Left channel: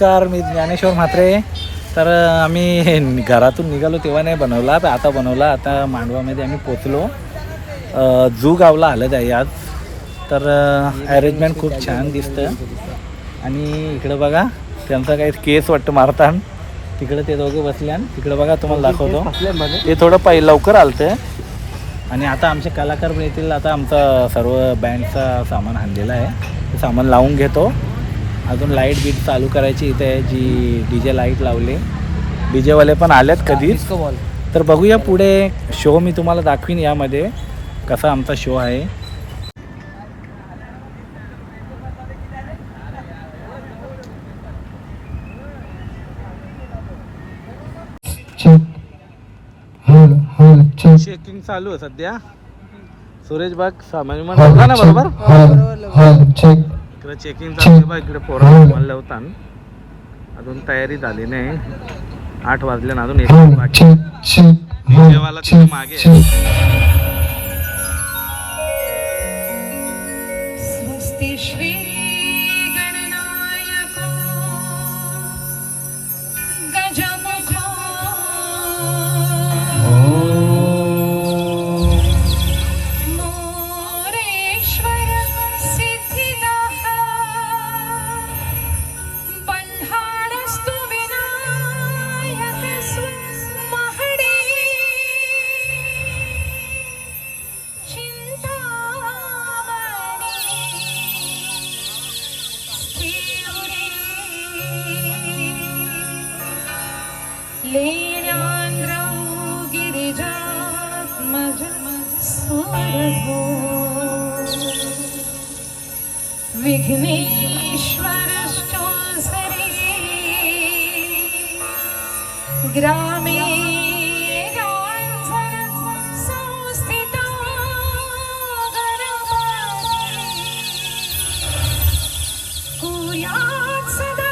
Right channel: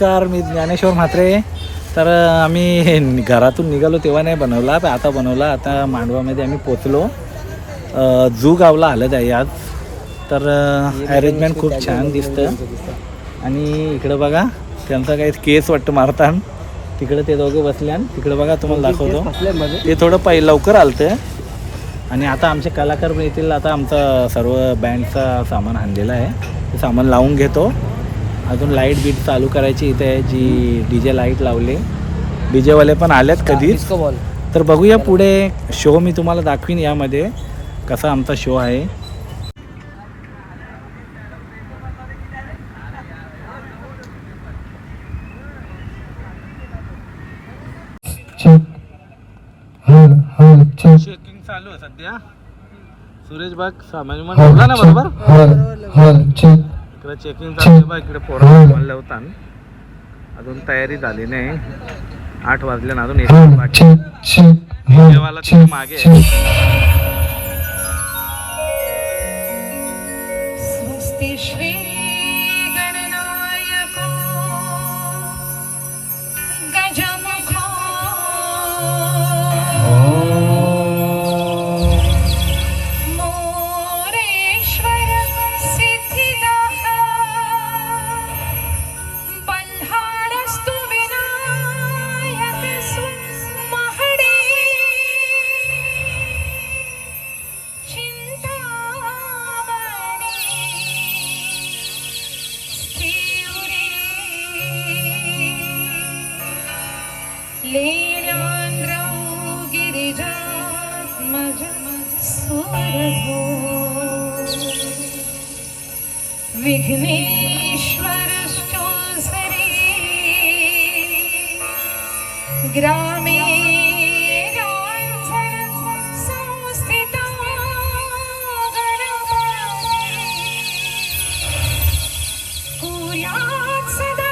नमस्कार, मी ज्ञानेश्वर म्हात्रे. तर आम्ही घरातून निघालो तेव्हा नाही बनवला, तर आता बनवला. आता मांडवामध्ये आम्ही पोचलो. जू गावला आलं आहे आज. तर अरेंजमेंट खूप छान दिसतं. आणि इकडं बघा त्यांचा काही केस वाटतं मारतान. तिकडे ते दोघं बसल्यान. तिकडे बघा तुम्हाला दाखवतो. ते थोडं लवकर आलतं. आणि आता आमचे कलाकार येतील. आता आमचा सर्व बँडचा सामान आणलेला आहे, ते सामान लावून घेतो. अजून लाईट बीट चालू करायची इथे आहे, जी DJ लाईट लावले. DJवाले पण आलेत कधीच. तर बघूया पुढे शो मी तुम्हाला दाखवीन यामध्ये कसा आमचा शो आहे. चेकिंग चालू आहे सध्या. सुरेश बाग सामान बोला ना बरोबर. इकडे चेकिंग चालू आहे बा. इकडे पोरं म्हणलं होता. अजून तयारी झाली नाही. 8 वाजले ना, अजून 1 बाकी. देवाला तिथे मागे श्री गणनायक गजमुख मोरेश्वर सिद्धिदाता बल्हाळस्तु विनायक महडे लीलान्द्रौ गिरिजात्मज स्वरभो विघ्नेश्वरश्चोसरे ग्रामे संस्थिता कुर्यात् सदा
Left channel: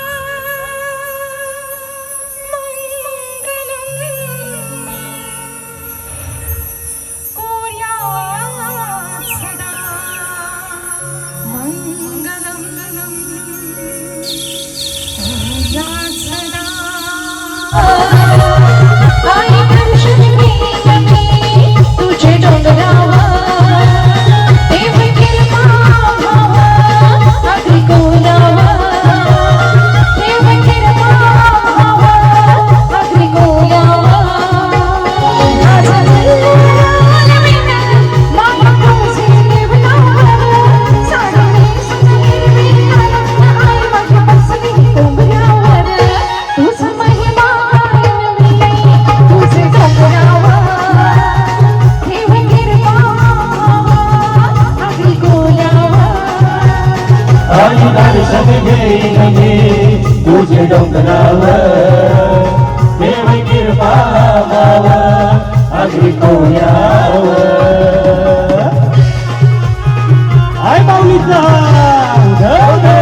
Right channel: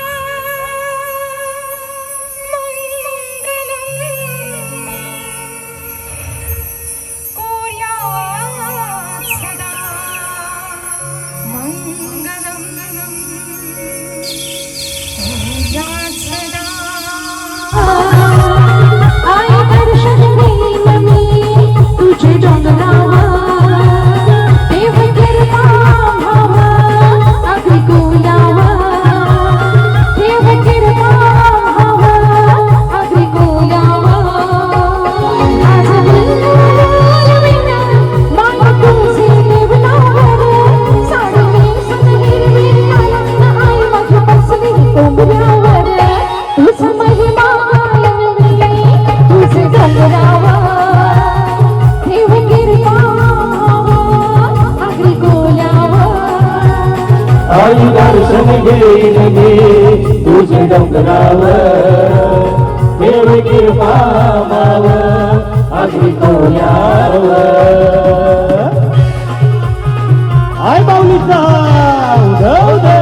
तुझे डोंगरावर देव कृपा आगरी कोण्यावर आय बाऊलीचा उधव दे.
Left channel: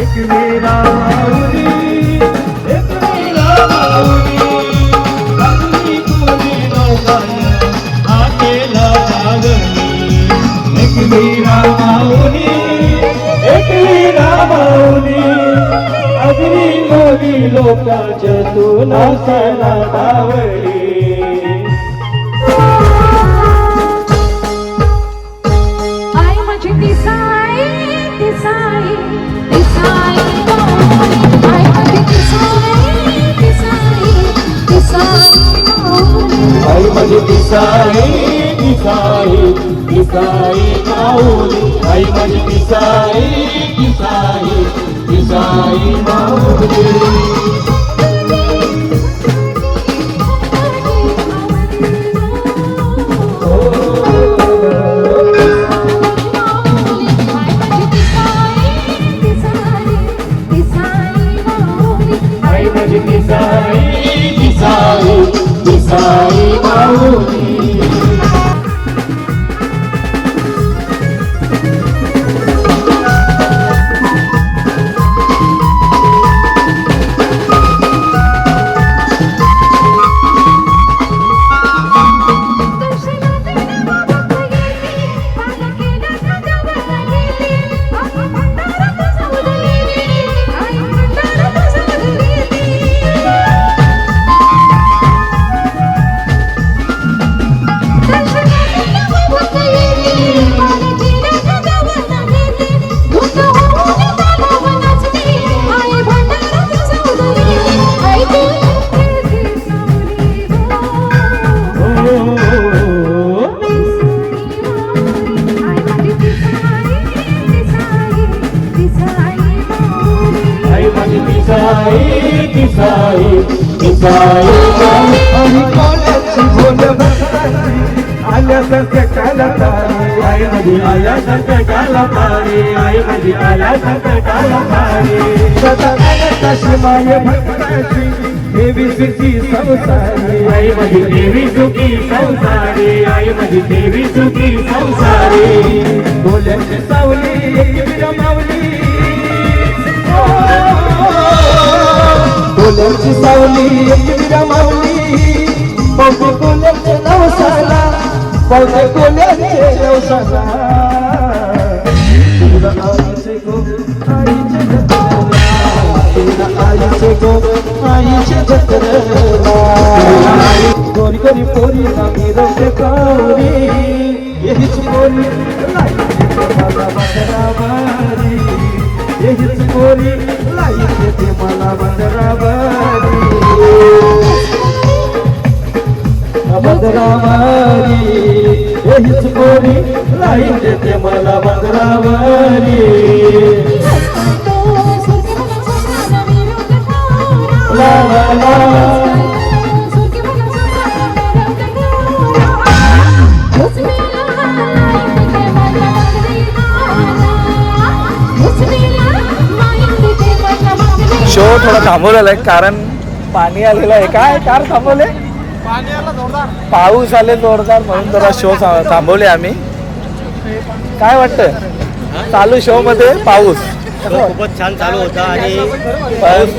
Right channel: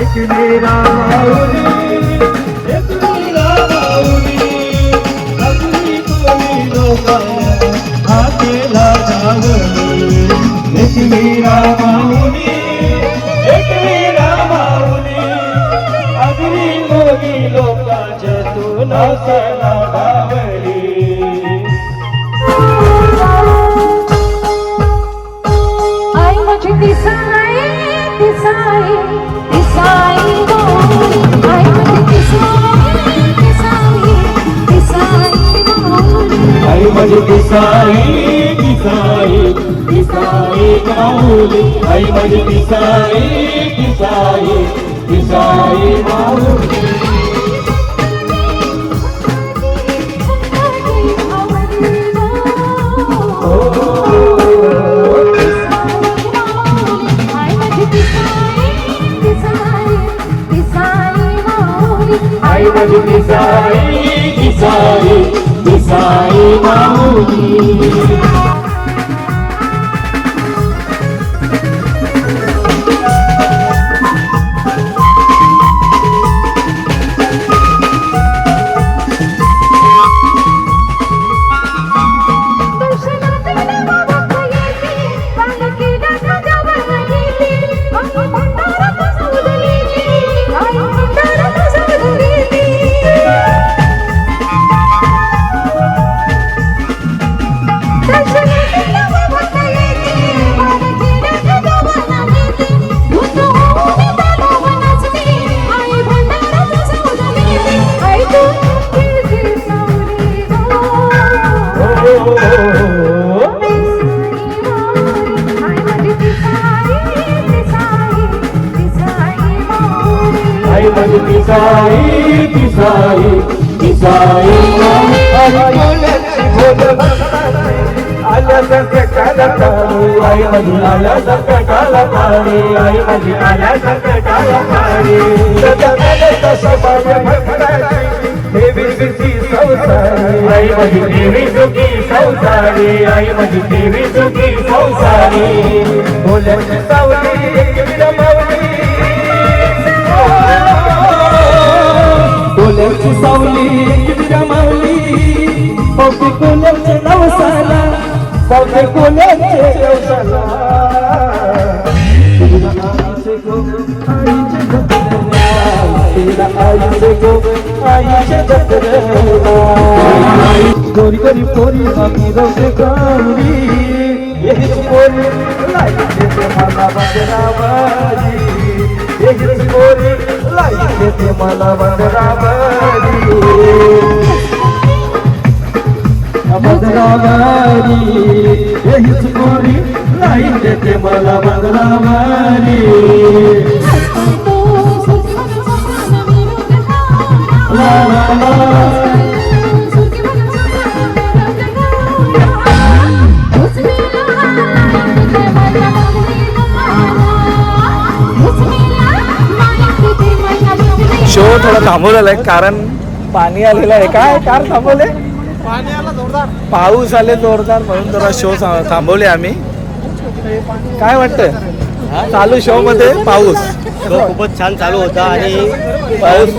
एक मेरा तू नवसेना पावली. आई माझी दिसाई दिसाई दिसाई माऊली. आई माझी दिसाई दिसाई दिसाई माऊली. आई माझी दिसाई दिसाई दिसाई माऊली. आई माझी दिसाई दिसाई दिसाई माऊली. आई माझी दिसाई दिसाई दिसाई माऊली. दिसाई दिसाई दिसाई आल्यासारख्या काला पाणी. आई माझी आल्यासारख्या काला पाणी. आई माझी आल्यासारख्या काला पाणी. सदा तशी माय भक्ताची देवी सुखी संसारी. आई माझी देवी सुखी संसारी. आई माझी देवी सुखी संसारी. बोल्याची सावली एक माऊली. बोल्याची सावली एक माऊली. पावते पुण्याचे नवसाला. पावते पुण्याचे नवसाला. तुला आईचे गो आईचे जत्रा. तुला आईचे गो आईचे जत्रा. गोरी गोरी पोरी नामी रंग गौरी. हीच पोरी लाईचे मला बंदराबारी. हीच पोरी लाईचे मला बंदराबारी. बंदराबारी. हीच पोरी लाईचे मला बंदराबारी. ला ला ला. शो थोडा थांबवलेला आहे कारण पाणी आलेलं आहे. काय कार थांबवले? पाणी आला जोरदार. पाऊस आले जोरदार म्हणून जरा शो थांबवले आम्ही. काय वाटतं चालू शो मध्ये पाऊस? खूपच छान चालू होता आणि पाऊस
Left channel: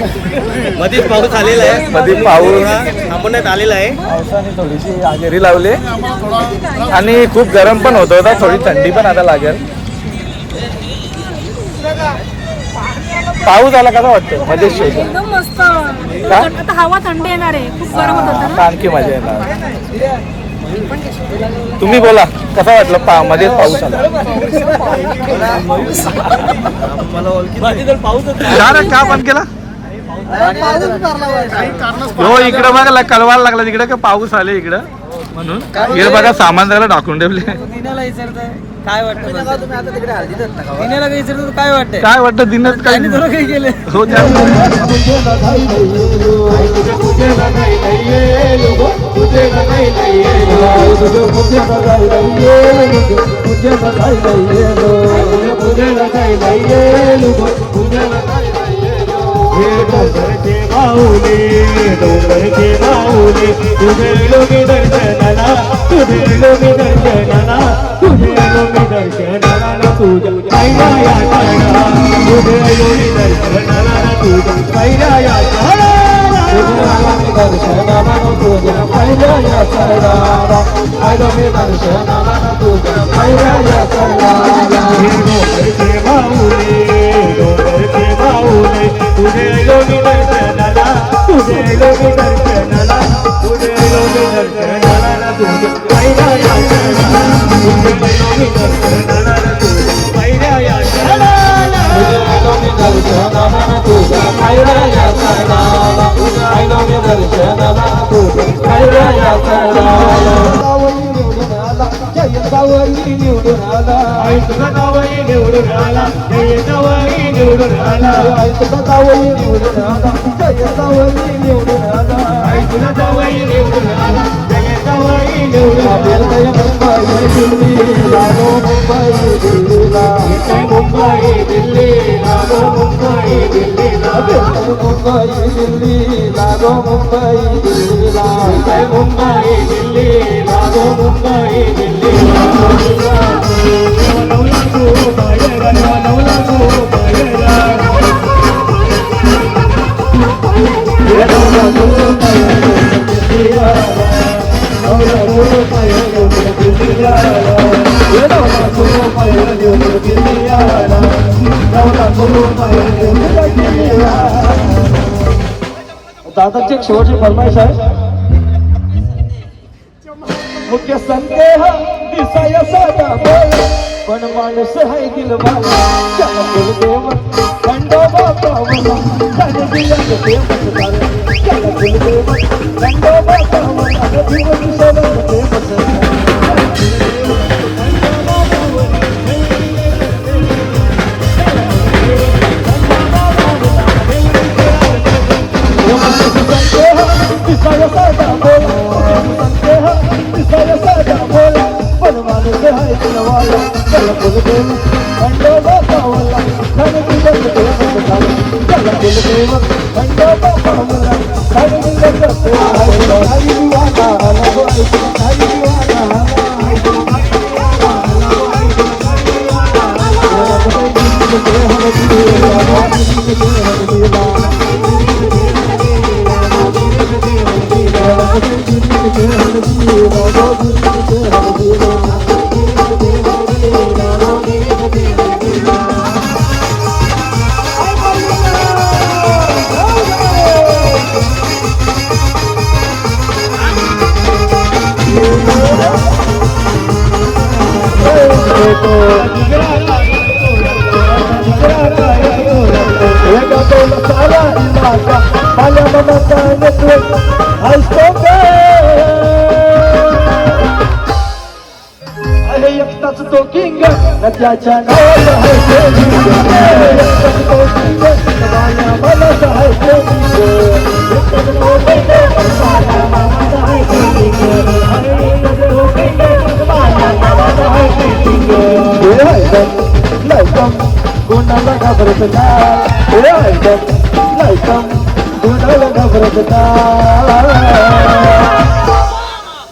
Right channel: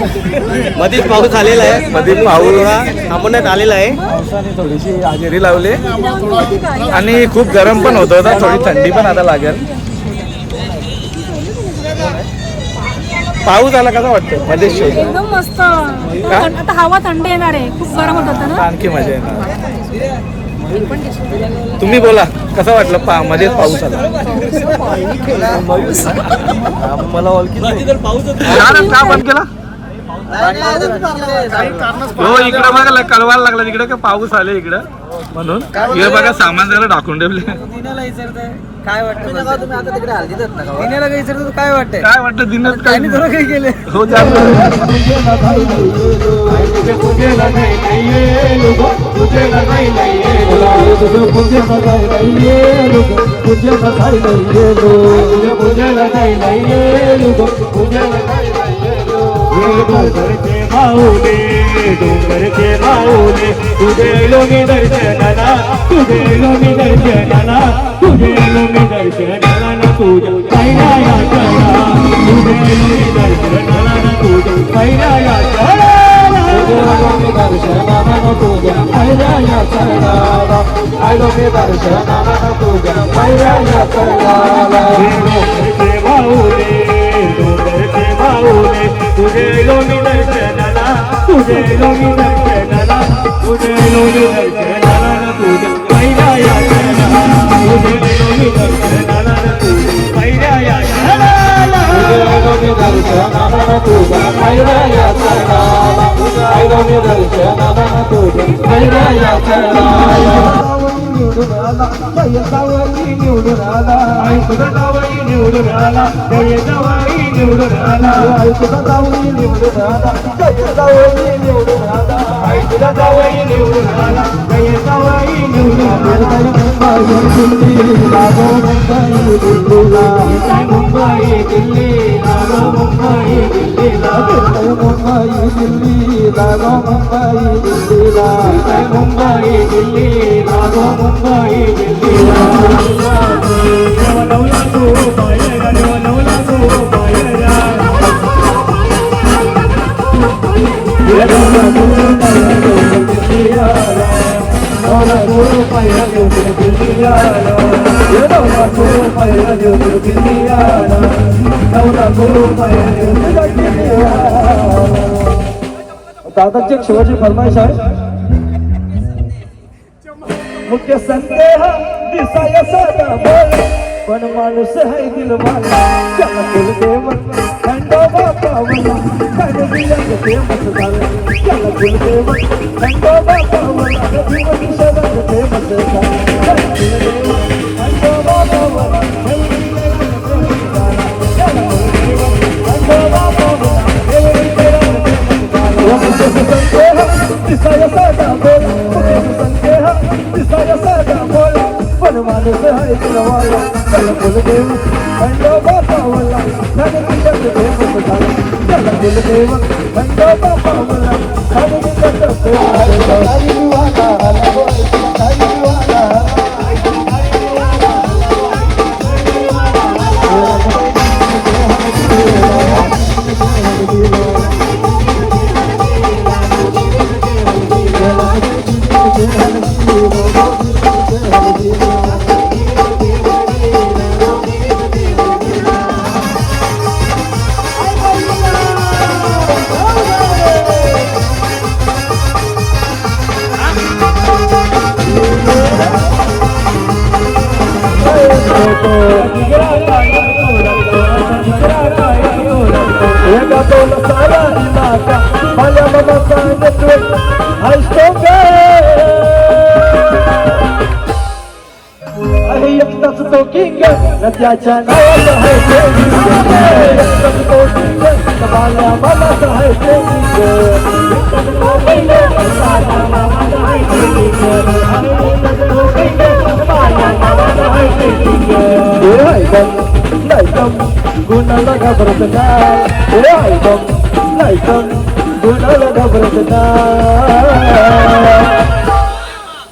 मध्येच पाऊस आलेला आहे. मध्ये पाऊस थांबवण्यात आलेला आहे. पावसाने थोडीशी हजेरी लावली आणि खूप गरम पण होत होता. थोडी थंडी पण आता लागेल. पाऊस आला कसा वाटतं? मध्ये शो एकदम मस्त. आता हवा थंडी येणार आहे. खूप गरम होत होतं ना. आणखी मजा येणार. तुम्ही बोला कसा वाटलं? मध्येच पाऊस आला. का बंद केला? हो इकडे बघा कळवायला लागला तिकडे का पाऊस आले इकडं म्हणून. इकडे बघा सामान जरा टाकून ठेवले. काय वाटतं तुम्ही आता तिकडे दिन्याला काही विचारतो काय वाटतं? काय वाटतं दिनात काय थोडं काही केलं. हो जास्त तुझे आलो मी दर्शनाला तुझं आलो मी दर्शनाला तुझं पहिला या क्षणाला तुझं आलो मी दर्शनाला तुझं पहिला या क्षणाला तुझं आलो मी दर्शनाला तुझं पहिला या क्षणाला तुझं आलो मी दर्शनाला तुझं पहिला या क्षणाला निवडून आला जय जावई निवडून आला आई तुझा जावई निवडून आला जय जावई निवडून आला आई तुझा जावई निवडून आला जय जावई निवडून आला आई तुझा जावई निवडून आला जय जावई निवडून आला मुंबई दिल्ली लागो मुंबई दिल्लीला मुंबई दिल्ली लागो मुंबई दिल्लीला मुंबई दिल्ली लागो मुंबई दिल्लीला मुंबई दिल्ली लागो मुंबई दिल्लीला दादाची एक शेवटची फरमाईश आहे मुख्य संदेह दिसाया साधा बोल पण माणूस है दिल वाला चला बोल देव खंडोबा पावला त्याने दिल्या प्रेम सुधार चला बोल देव खंडोबा पावला कधी दिशाला प्रेम सुधार चला बोल देव खंडोबा पावला चला बोल देव खंडोबा पावला देवरी करा संदेह दिसाया साधा बोल संदेह दिसाया साधा बोल पण माणूस है दिल वाला चला बोल देव खंडोबा पावला त्याने दिल्या प्रेम सुधार चला बोल देव खंडोबा पावला त्याने दिल्या प्रेम सुधार हरी विवादा हरी विवादा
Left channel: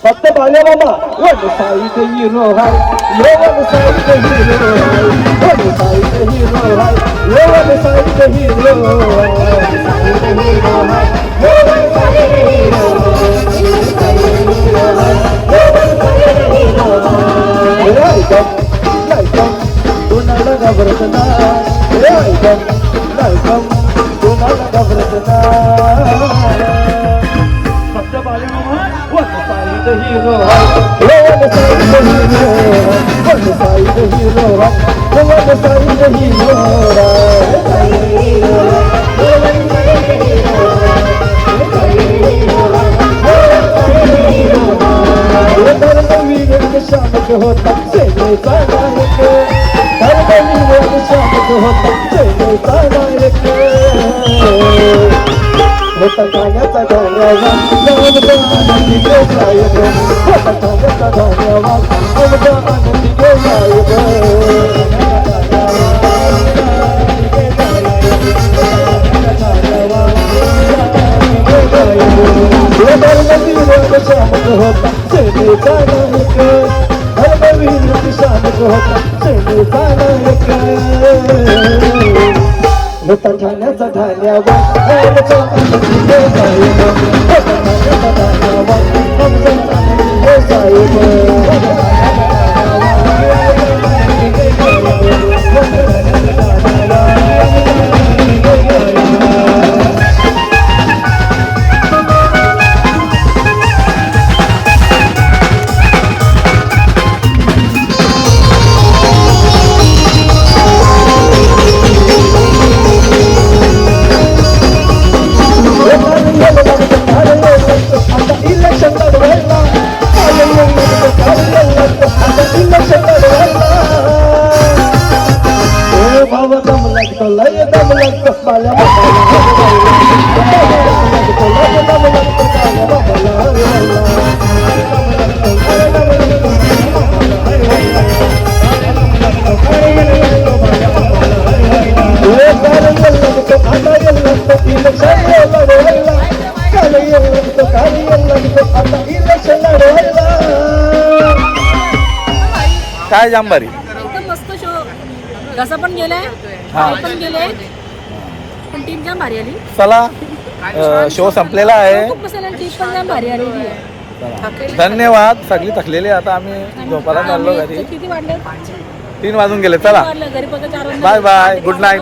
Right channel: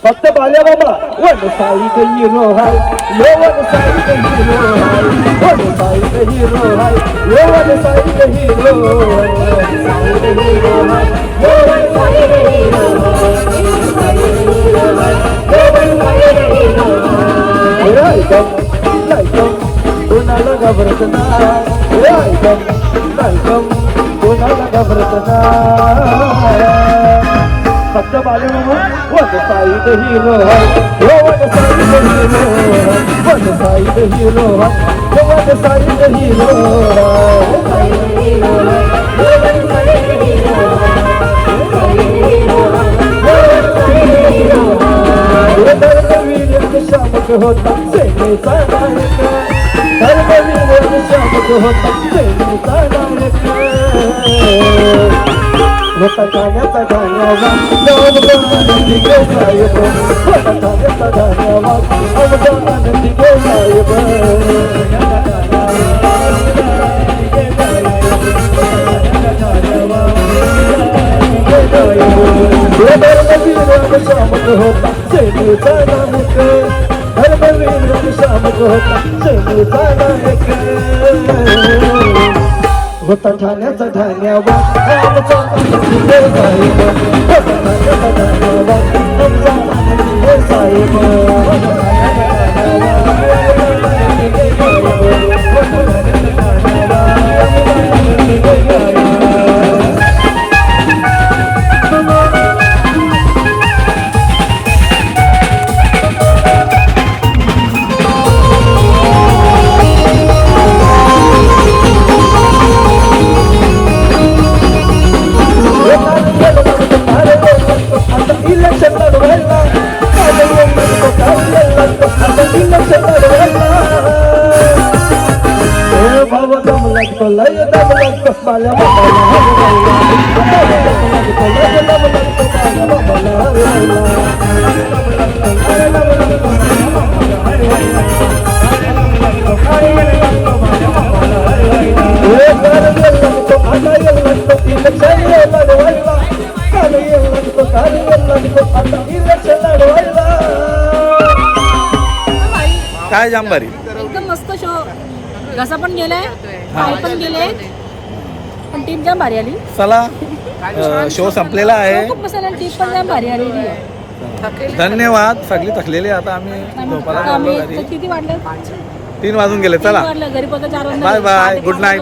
फक्त बाल्या बाबा वो मुसाई के हीरो है ये वो मुसाई के हीरो है वो मुसाई के हीरो है ये वो मुसाई के हीरो है मुसाई के हीरो है वो मुसाई के हीरो है फक्त बाल्या बाबा वो मुसाई के हीरो है ये वो मुसाई के हीरो है वो मुसाई के हीरो है वो मुसाई के हीरो है ठाण्याचा ठाण्यावर साहेब काय जाम भारी. एकदम मस्त शो. घसा पण गेलाय, हा. पाय पण गेले, पण टीम जाम भारी आली. चला शो संपलेला आहे. खूप मस्त आली, टीम पण जाम भारी आली. चला. धन्यवाद. सगळी थकलेली आता आम्ही झोपायला चाललो घरी. किती वाढले? 3 वाजून गेले. चला वाढलं घरी, 4 बाय बाय. Good night.